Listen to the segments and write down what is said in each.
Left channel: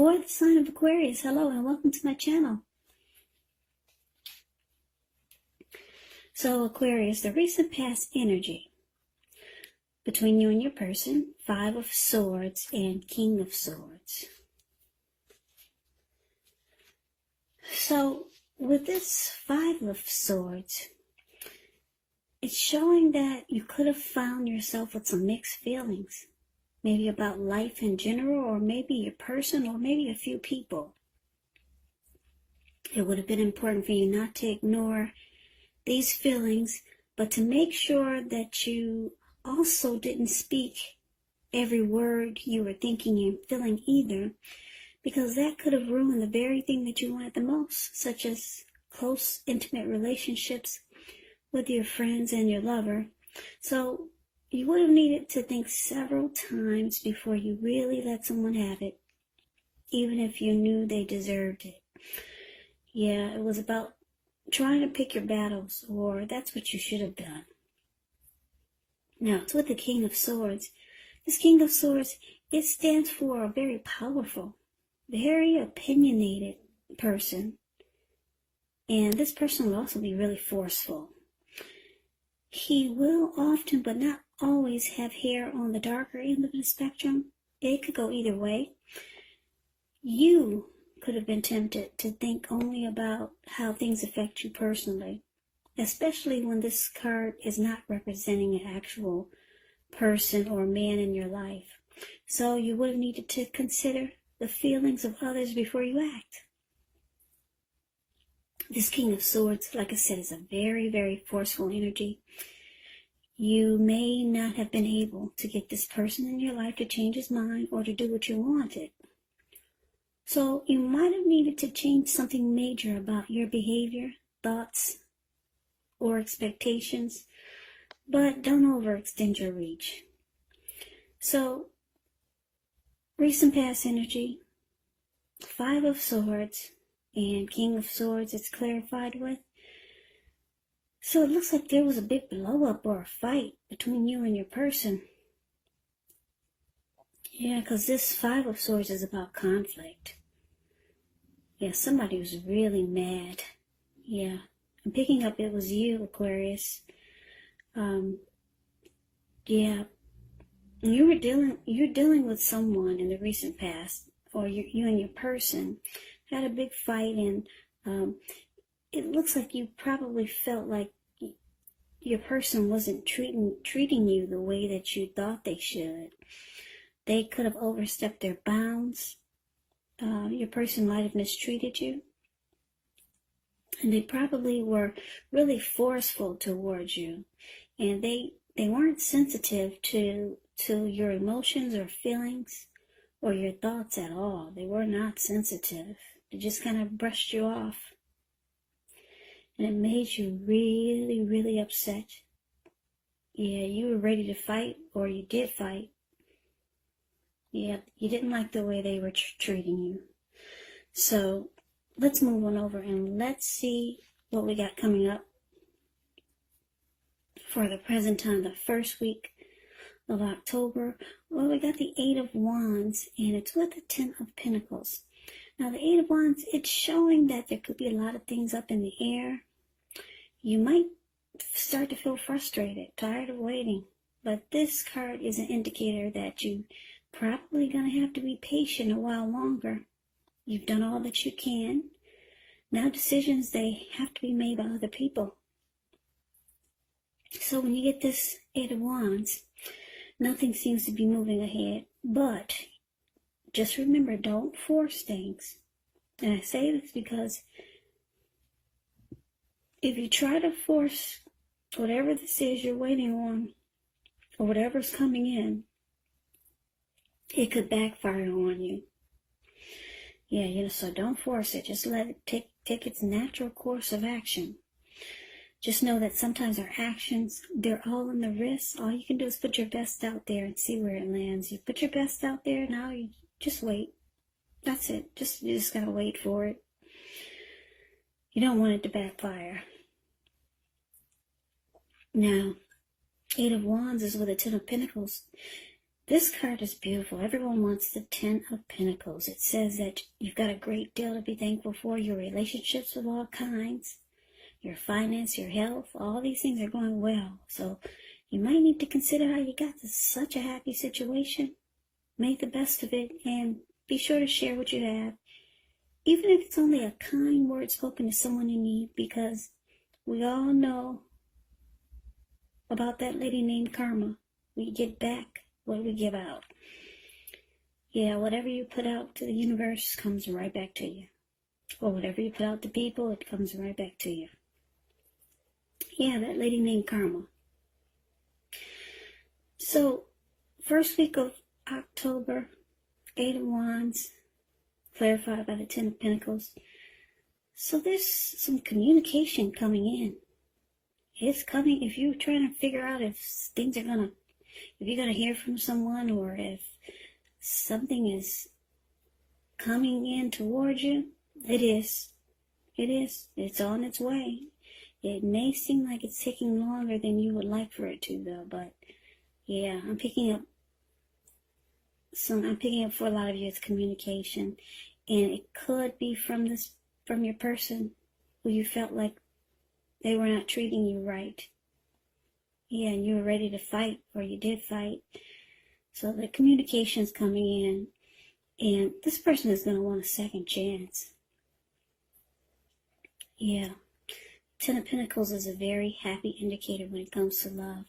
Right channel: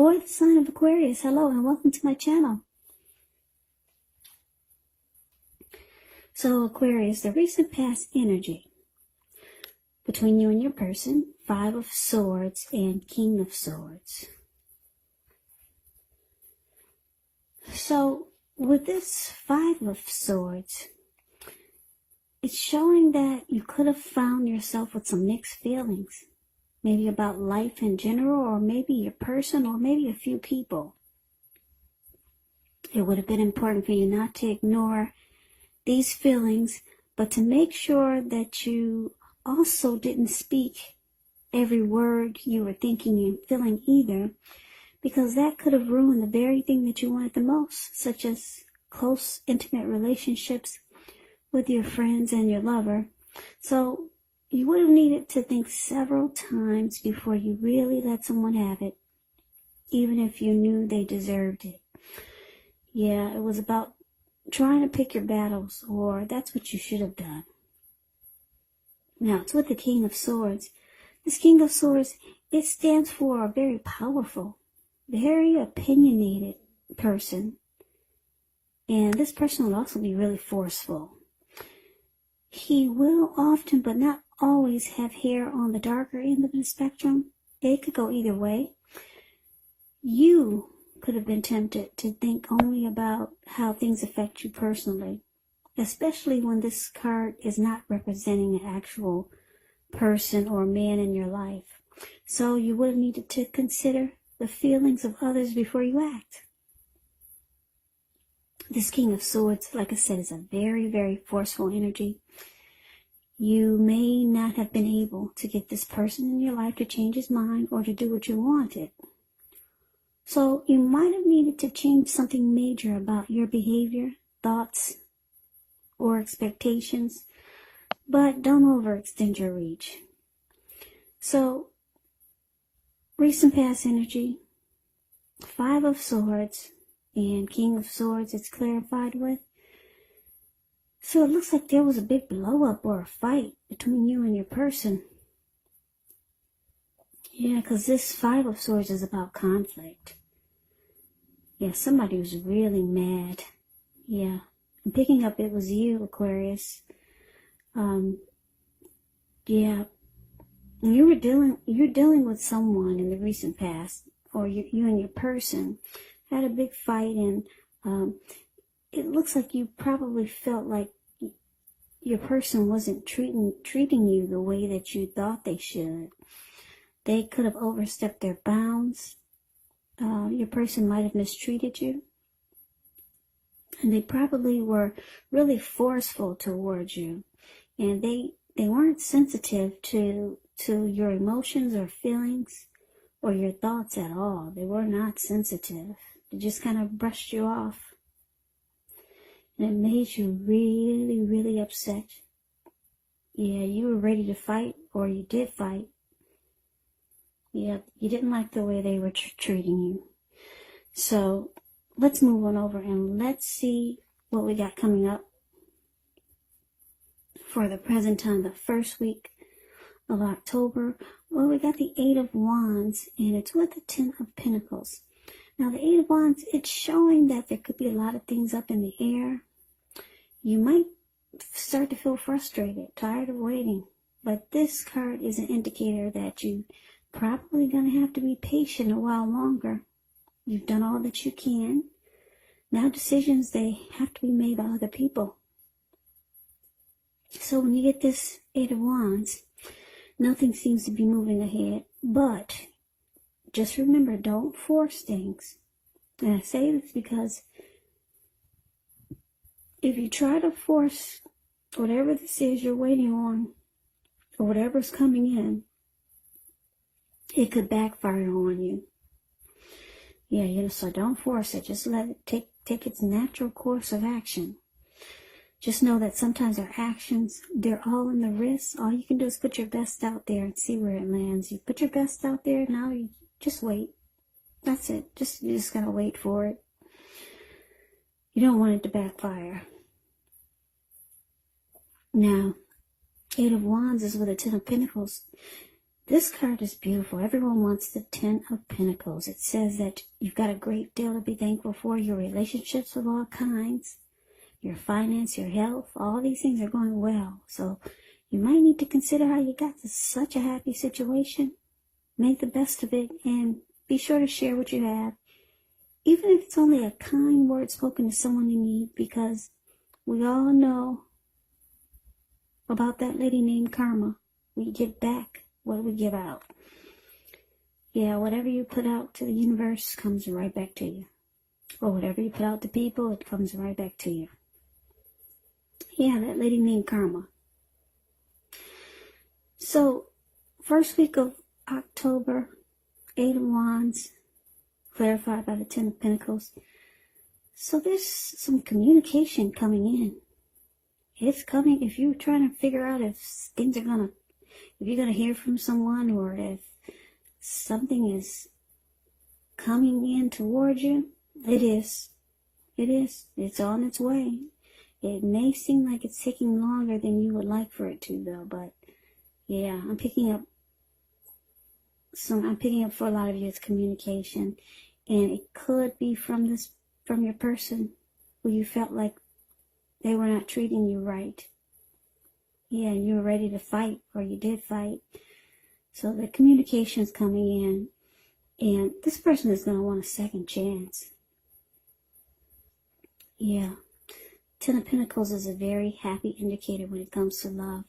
For the sign of Aquarius, hello and welcome to my channel. So Aquarius, the recent past energy between you and your person, 5 of Swords and King of Swords. So with this 5 of Swords, it's showing that you could have found yourself with some mixed feelings. Maybe about life in general, or maybe your person, or maybe a few people. It would have been important for you not to ignore these feelings, but to make sure that you also didn't speak every word you were thinking and feeling either, because that could have ruined the very thing that you wanted the most, such as close, intimate relationships with your friends and your lover. So you would have needed to think several times before you really let someone have it, even if you knew they deserved it. Yeah, it was about trying to pick your battles, or that's what you should have done. Now, it's with the King of Swords. This King of Swords, it stands for a very powerful, very opinionated person. And this person will also be really forceful. He will often, but not always, have hair on the darker end of the spectrum. It could go either way. You could have been tempted to think only about how things affect you personally, especially when this card is not representing an actual person or man in your life. So you would have needed to consider the feelings of others before you act. This King of Swords, like I said, is a very, very forceful energy. You may not have been able to get this person in your life to change his mind or to do what you wanted. So you might have needed to change something major about your behavior, thoughts, or expectations, but don't overextend your reach. So, recent past energy, 5 of Swords and King of Swords it's clarified with. So it looks like there was a big blow up or a fight between you and your person. Yeah, because this 5 of Swords is about conflict. Yeah, somebody was really mad. Yeah, I'm picking up it was you, Aquarius. Yeah, you're dealing with someone in the recent past, or you and your person had a big fight, and it looks like you probably felt like your person wasn't treating you the way that you thought they should. They could have overstepped their bounds. Your person might have mistreated you. And they probably were really forceful towards you. And they weren't sensitive to your emotions or feelings or your thoughts at all. They were not sensitive. They just kind of brushed you off. And it made you really, really upset. Yeah, you were ready to fight, or you did fight. Yeah, you didn't like the way they were treating you. So let's move on over and let's see what we got coming up for the present time, the first week of October. Well, we got the 8 of Wands, and it's with the 10 of Pentacles. Now, the 8 of Wands, it's showing that there could be a lot of things up in the air. You might start to feel frustrated, tired of waiting. But this card is an indicator that you probably going to have to be patient a while longer. You've done all that you can. Now decisions, they have to be made by other people. So when you get this 8 of Wands, nothing seems to be moving ahead. But just remember, don't force things. And I say this because if you try to force whatever this is you're waiting on, or whatever's coming in, it could backfire on you. Yeah, so don't force it. Just let it take its natural course of action. Just know that sometimes our actions, they're all in the wrist. All you can do is put your best out there and see where it lands. You put your best out there, now you just wait. That's it. You just gotta wait for it. You don't want it to backfire. Now, 8 of Wands is with a 10 of Pentacles. This card is beautiful. Everyone wants the Ten of Pentacles. It says that you've got a great deal to be thankful for. Your relationships of all kinds, your finance, your health, all these things are going well. So you might need to consider how you got to such a happy situation. Make the best of it and be sure to share what you have. Even if it's only a kind word spoken to someone in need, because we all know about that lady named Karma. We get back what we give out. Yeah, whatever you put out to the universe comes right back to you. Or whatever you put out to people, it comes right back to you. Yeah, that lady named Karma. So, first week of October, 8 of Wands, clarified by the Ten of Pentacles. So there's some communication coming in. It's coming. If you're trying to figure out if things are gonna, if you're gonna hear from someone, or if something is coming in towards you, it is. It is. It's on its way. It may seem like it's taking longer than you would like for it to, though. But yeah, I'm picking up for a lot of you. It's communication, and it could be from your person who you felt like they were not treating you right. Yeah, and you were ready to fight, or you did fight. So the communication's coming in, and this person is going to want a second chance. Yeah. Ten of Pentacles is a very happy indicator when it comes to love.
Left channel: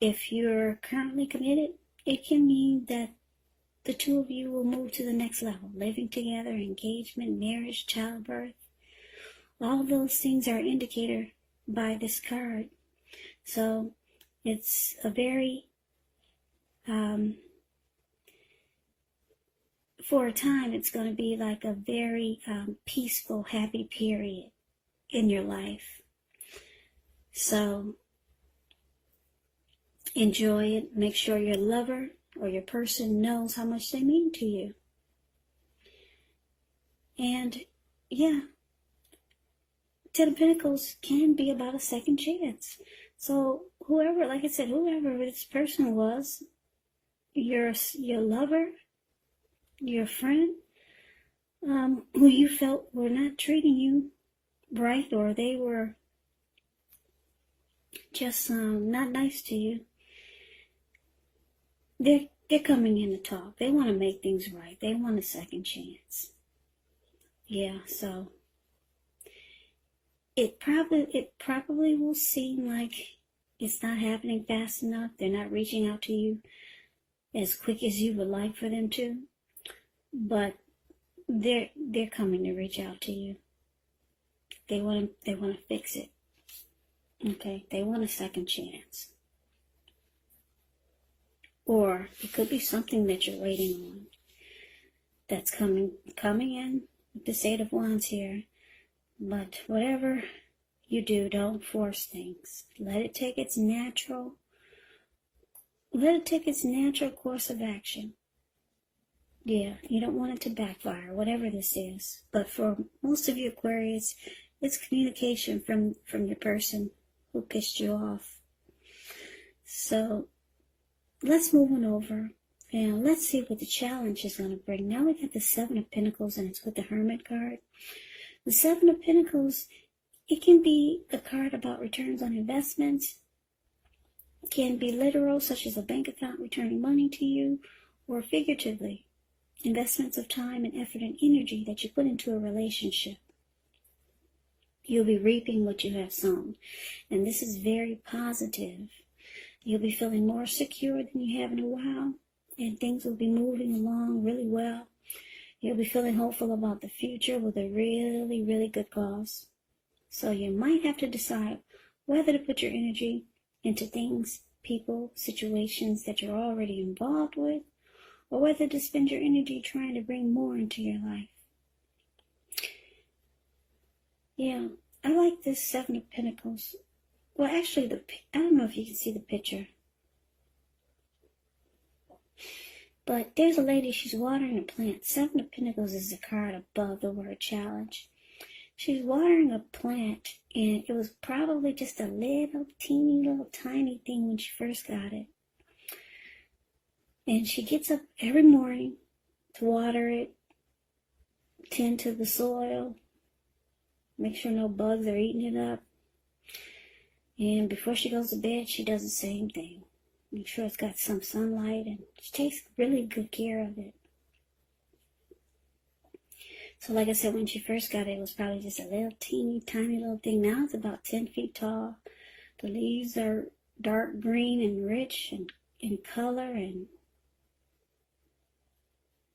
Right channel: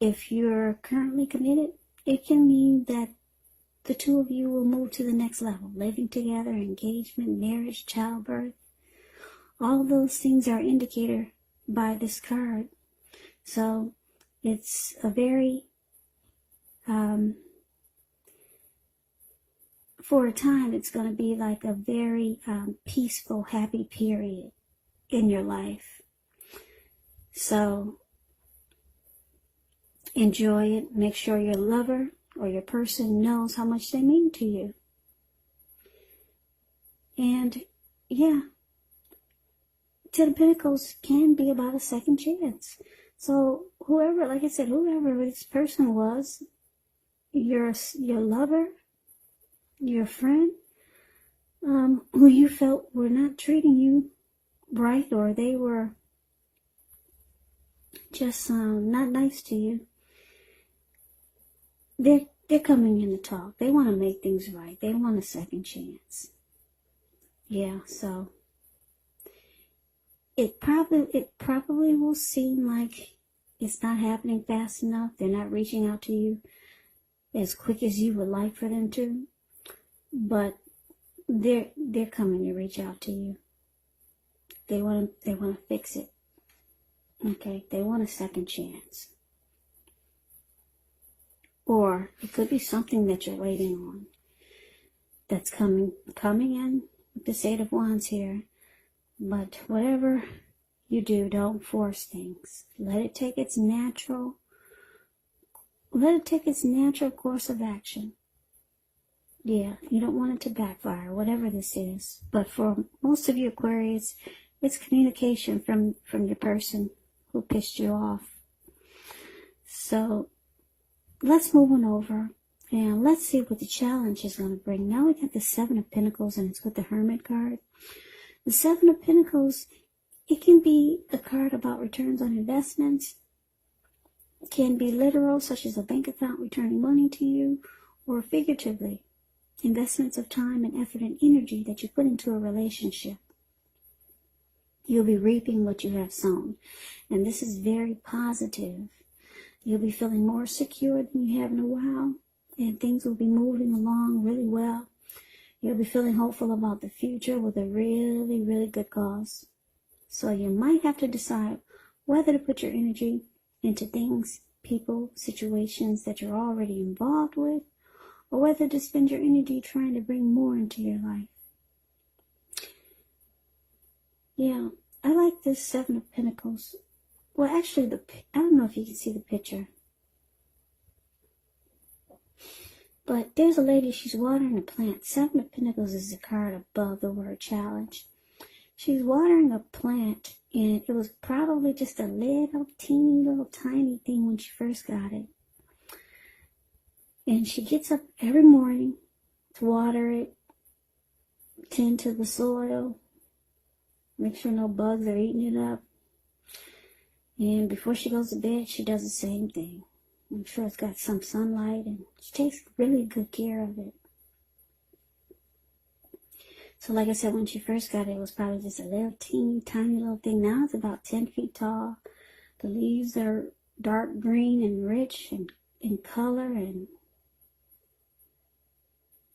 If you're currently committed, it can mean that the two of you will move to the next level. Living together, engagement, marriage, childbirth. All of those things are an indicator by this card. So it's a very, for a time, it's going to be like a very peaceful, happy period in your life. So enjoy it. Make sure your lover or your person knows how much they mean to you. And yeah, Ten of Pentacles can be about a second chance. So whoever, like I said, whoever this person was, your lover, your friend, who you felt were not treating you right, or they were just not nice to you, they're coming in to talk. They want to make things right. They want a second chance. Yeah, so it probably will seem like it's not happening fast enough. They're not reaching out to you as quick as you would like for them to, but they're coming to reach out to you. They want to fix it. Okay, they want a second chance. Or it could be something that you're waiting on that's coming in with this Eight of Wands here. But whatever you do, don't force things. Let it take its natural course of action. Yeah, you don't want it to backfire, whatever this is. But for most of you Aquarius, it's communication from your person who pissed you off. So let's move on over. And let's see what the challenge is going to bring. Now we got the Seven of Pentacles, and it's with the Hermit card. The Seven of Pentacles, it can be a card about returns on investments. It can be literal, such as a bank account returning money to you, or figuratively, investments of time and effort and energy that you put into a relationship. You'll be reaping what you have sown. And this is very positive. You'll be feeling more secure than you have in a while. And things will be moving along really well. You'll be feeling hopeful about the future with a really, really good cause. So you might have to decide whether to put your energy into things, people, situations that you're already involved with, or whether to spend your energy trying to bring more into your life. Yeah, I like this Seven of Pentacles. Well, actually, I don't know if you can see the picture. But there's a lady, she's watering a plant. Seven of Pentacles is the card above the word challenge. She's watering a plant, and it was probably just a little teeny little tiny thing when she first got it. And she gets up every morning to water it, tend to the soil, make sure no bugs are eating it up. And before she goes to bed, she does the same thing. Make sure it's got some sunlight, and she takes really good care of it. So like I said, when she first got it, it was probably just a little teeny tiny little thing. Now it's about 10 feet tall. The leaves are dark green and rich and in color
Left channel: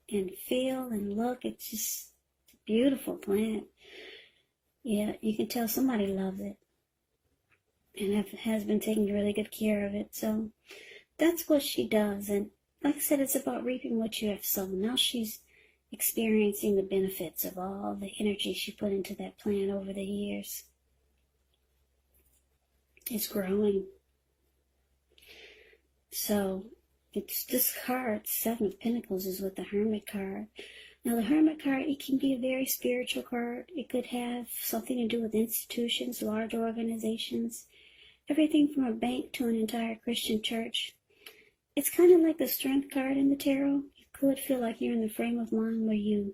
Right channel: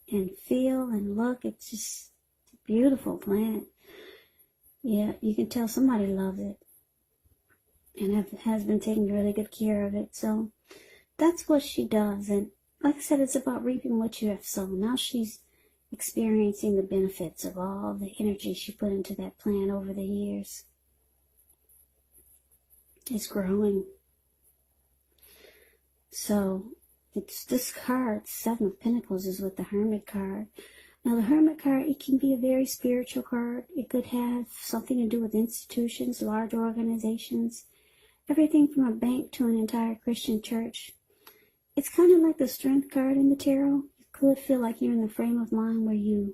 and feel and look. It's just a beautiful plant. Yeah, you can tell somebody loves it and has been taking really good care of it. So that's what she does. And like I said, it's about reaping what you have sown. Now she's experiencing the benefits of all the energy she put into that plant over the years. It's growing. So it's this card, Seven of Pentacles, is with the Hermit card. Now the Hermit card, it can be a very spiritual card. It could have something to do with institutions, large organizations, everything from a bank to an entire Christian church. It's kind of like the Strength card in the tarot. You could feel like you're in the frame of mind where you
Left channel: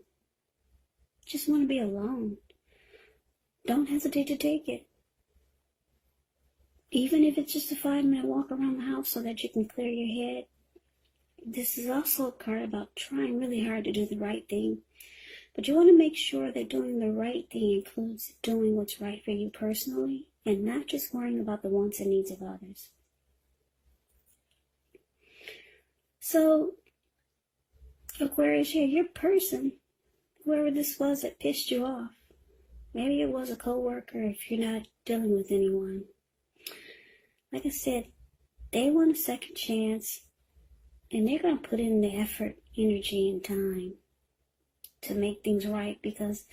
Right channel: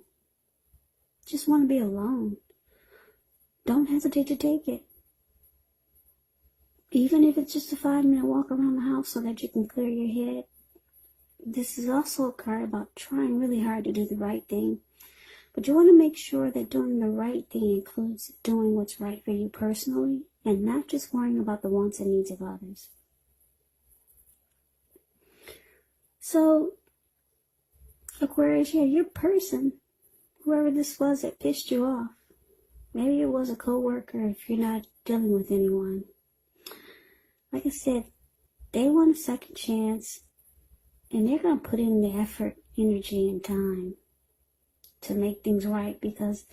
just want to be alone. Don't hesitate to take it. Even if it's just a 5-minute walk around the house so that you can clear your head. This is also a card about trying really hard to do the right thing. But you want to make sure that doing the right thing includes doing what's right for you personally and not just worrying about the wants and needs of others. So, Aquarius, yeah, your person, whoever this was that pissed you off, maybe it was a coworker if you're not dealing with anyone. Like I said, they want a second chance, and they're going to put in the effort, energy, and time to make things right, because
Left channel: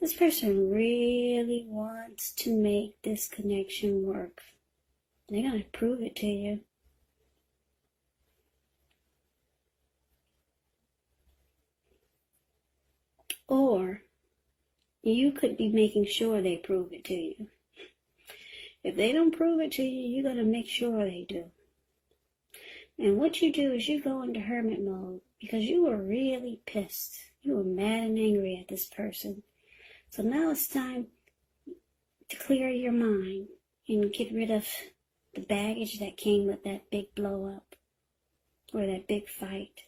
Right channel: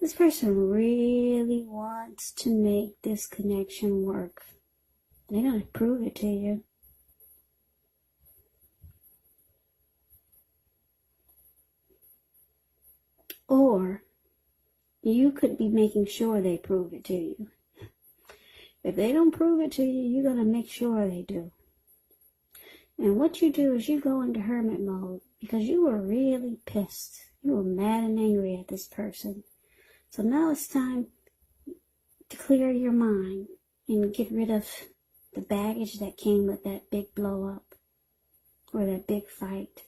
this person really wants to make this connection work. And they're going to prove it to you. Or you could be making sure they prove it to you. If they don't prove it to you, you're going to make sure they do. And what you do is you go into hermit mode because you were really pissed. You were mad and angry at this person. So now it's time to clear your mind and get rid of the baggage that came with that big blow up or that big fight.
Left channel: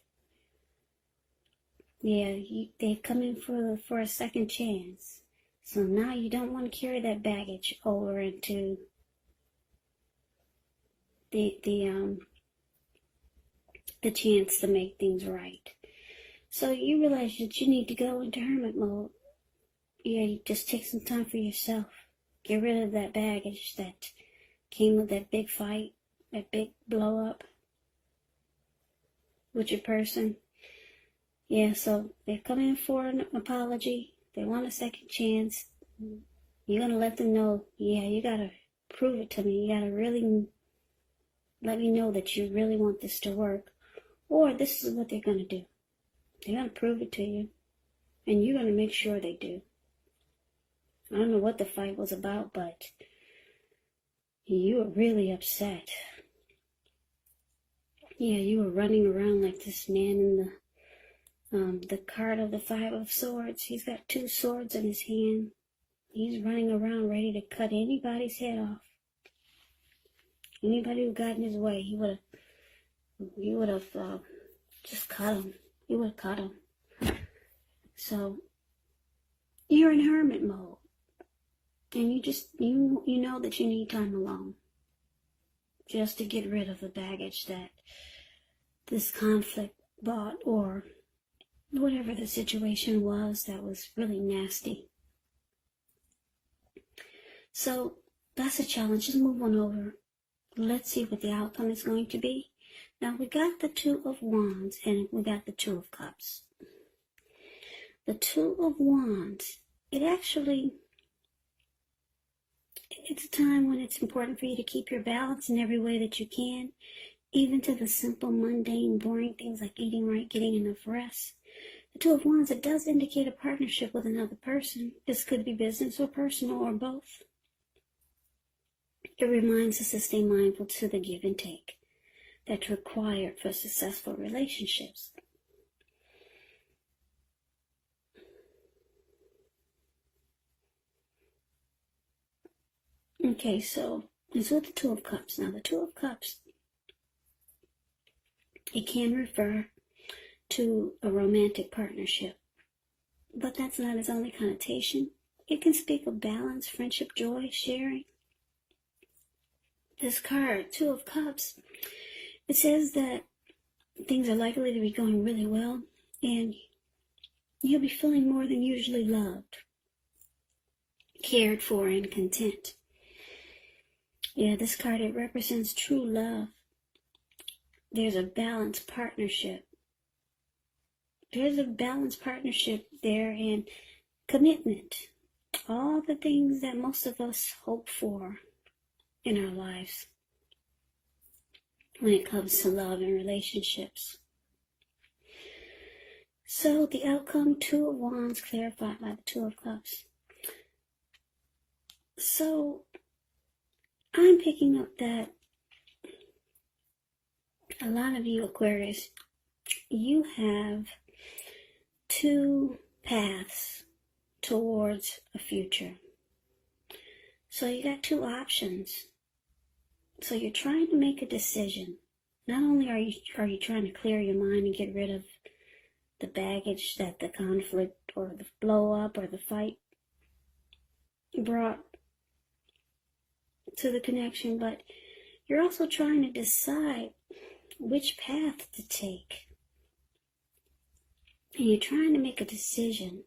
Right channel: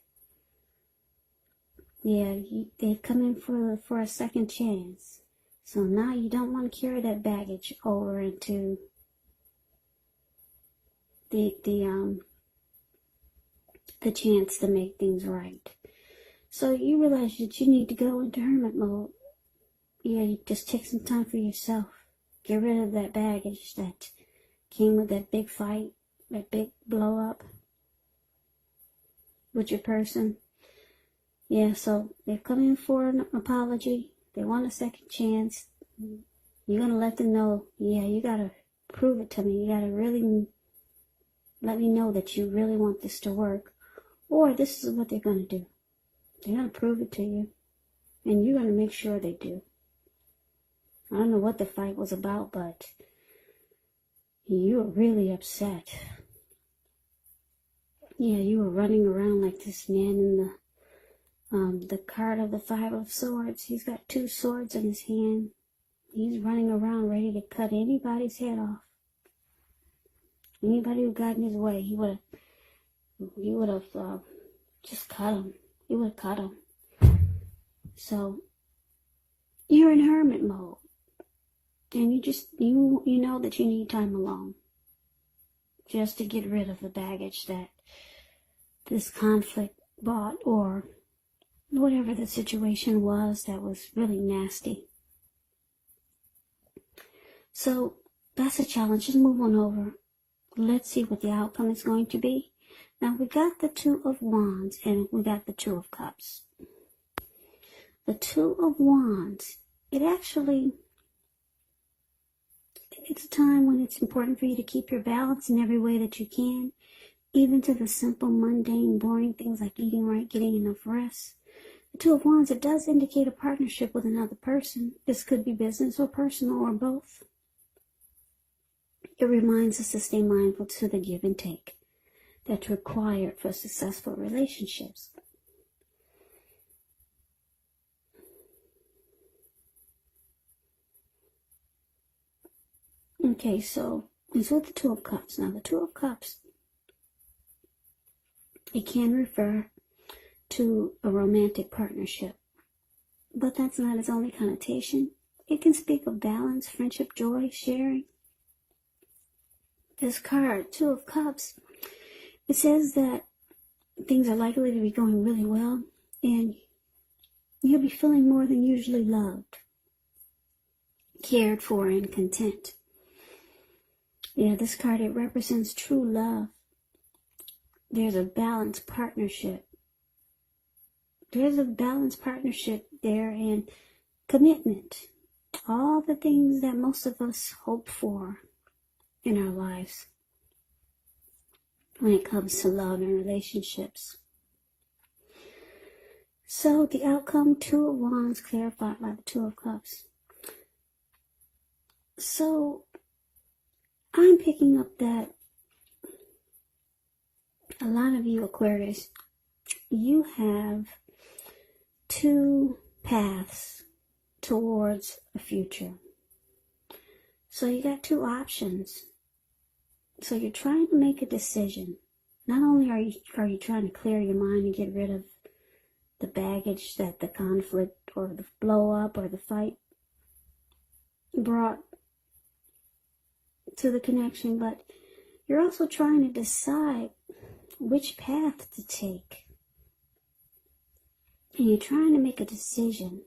Yeah, they come in for a second chance. So now you don't want to carry that baggage over into the chance to make things right. So you realize that you need to go into hermit mode. Yeah, you just take some time for yourself. Get rid of that baggage that came with that big fight, that big blow up with your person. Yeah, so they've come in for an apology. They want a second chance. You're going to let them know, yeah, you got to prove it to me. You got to really let me know that you really want this to work. Or this is what they're going to do. They're going to prove it to you. And you're going to make sure they do. I don't know what the fight was about, but you were really upset. Yeah, you were running around like this man in the card of the Five of Swords. He's got 2 swords in his hand. He's running around ready to cut anybody's head off. Anybody who got in his way, he would have just cut him. He would have cut him. So you're in hermit mode, and you know that you need time alone, just to get rid of the baggage that this conflict brought, or whatever the situation was that was really nasty. So that's a challenge. Just move on over. Let's see what the outcome is going to be. Now we got the 2 of Wands and we got the 2 of Cups. The 2 of Wands, it's a time when it's important for you to keep your balance in every way that you can, even to the simple, mundane, boring things like eating right, getting enough rest. The 2 of Wands, it does indicate a partnership with another person. This could be business or personal or both. It reminds us to stay mindful to the give and take. that's required for successful relationships. Okay, so it's with the Two of Cups. Now, the Two of Cups, it can refer to a romantic partnership, but that's not its only connotation. It can speak of balance, friendship, joy, sharing. This card, Two of Cups, it says that things are likely to be going really well, and you'll be feeling more than usually loved, cared for, and content. Yeah, this card, it represents true love. There's a balanced partnership. There's a balanced partnership there, and commitment. All the things that most of us hope for in our lives when it comes to love and relationships. So the outcome, Two of Wands, clarified by the Two of Cups. So I'm picking up that a lot of you Aquarius, you have two paths towards a future. So you got two options. So you're trying to make a decision. Not only are you trying to clear your mind and get rid of the baggage that the conflict or the blow up or the fight brought to the connection, but you're also trying to decide which path to take. And you're trying to make a decision.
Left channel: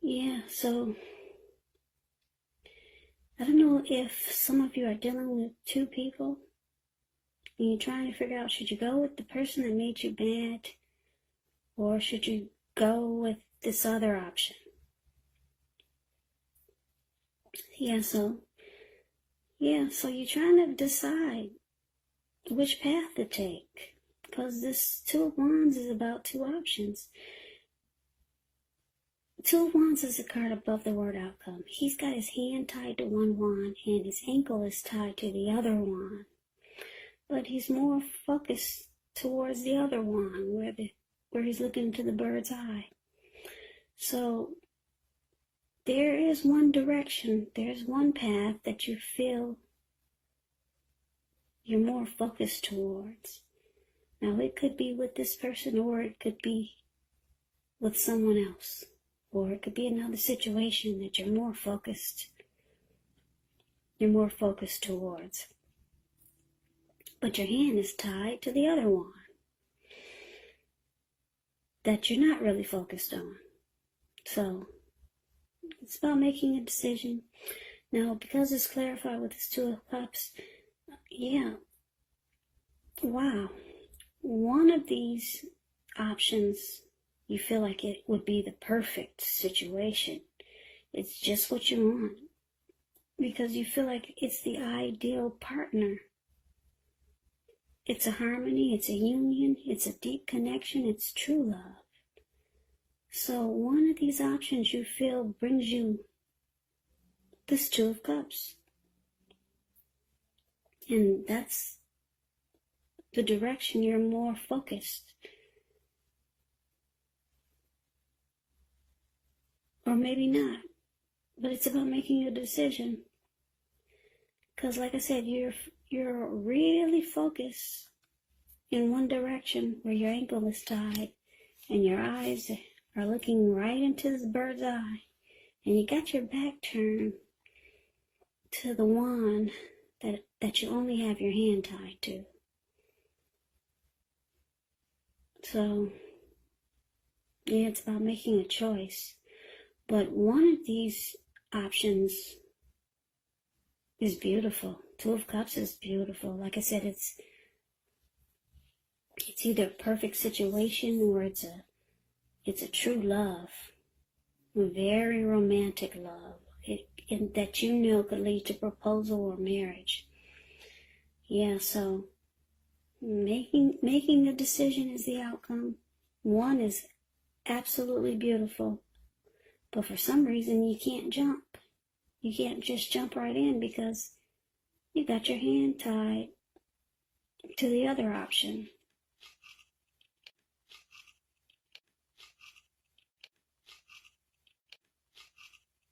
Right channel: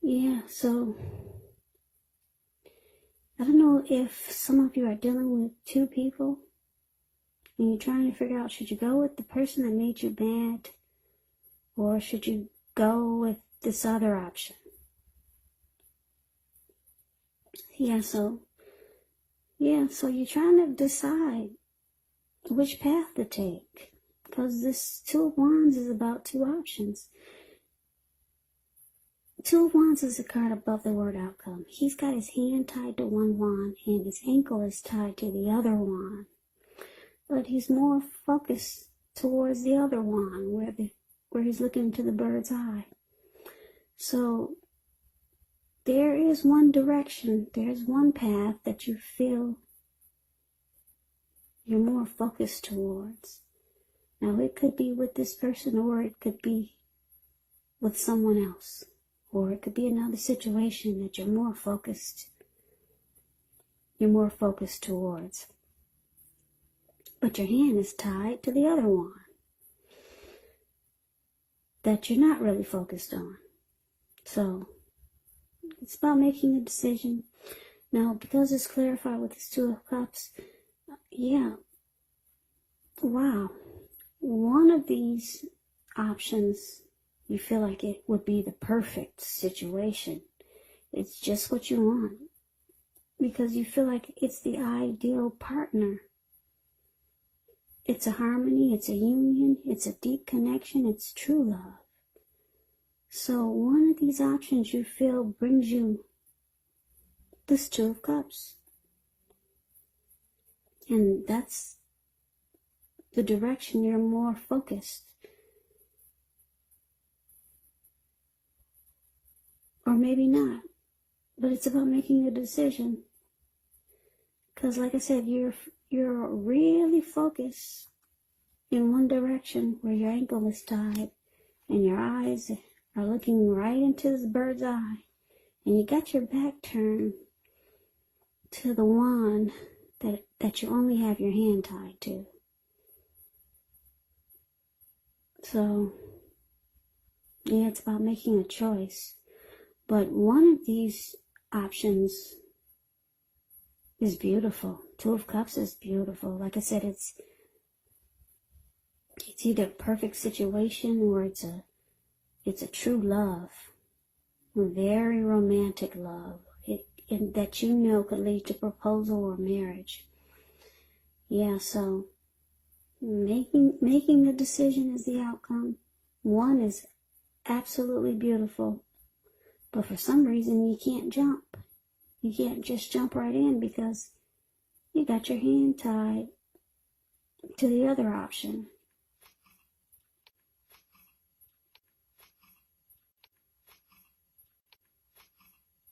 Yeah, so I don't know if some of you are dealing with two people and you're trying to figure out, should you go with the person that made you mad, or should you go with this other option? So you're trying to decide which path to take, because this Two of Wands is about two options. Two of Wands is a card above the word outcome. He's got his hand tied to one wand and his ankle is tied to the other wand, but he's more focused towards the other wand where he's looking into the bird's eye. So there is one direction, there's one path that you feel you're more focused towards. Now, it could be with this person, or it could be with someone else, or it could be another situation that you're more focused towards. But your hand is tied to the other one that you're not really focused on. So it's about making a decision. Now, because it's clarified with this Two of Cups, wow. One of these options, you feel like it would be the perfect situation. It's just what you want, because you feel like it's the ideal partner. It's a harmony, it's a union, it's a deep connection, it's true love. So one of these options you feel brings you this Two of Cups. And that's the direction you're more focused. Or maybe not. But it's about making a decision. Because like I said, you're really focused in one direction where your ankle is tied and your eyes are looking right into this bird's eye. And you got your back turned to the wand that you only have your hand tied to. So, it's about making a choice. But one of these options is beautiful. Two of Cups is beautiful. Like I said, it's either a perfect situation or it's a true love. A very romantic love. That could lead to proposal or marriage. So making a decision is the outcome. One is absolutely beautiful, but for some reason you can't jump. You can't just jump right in because you got your hand tied to the other option.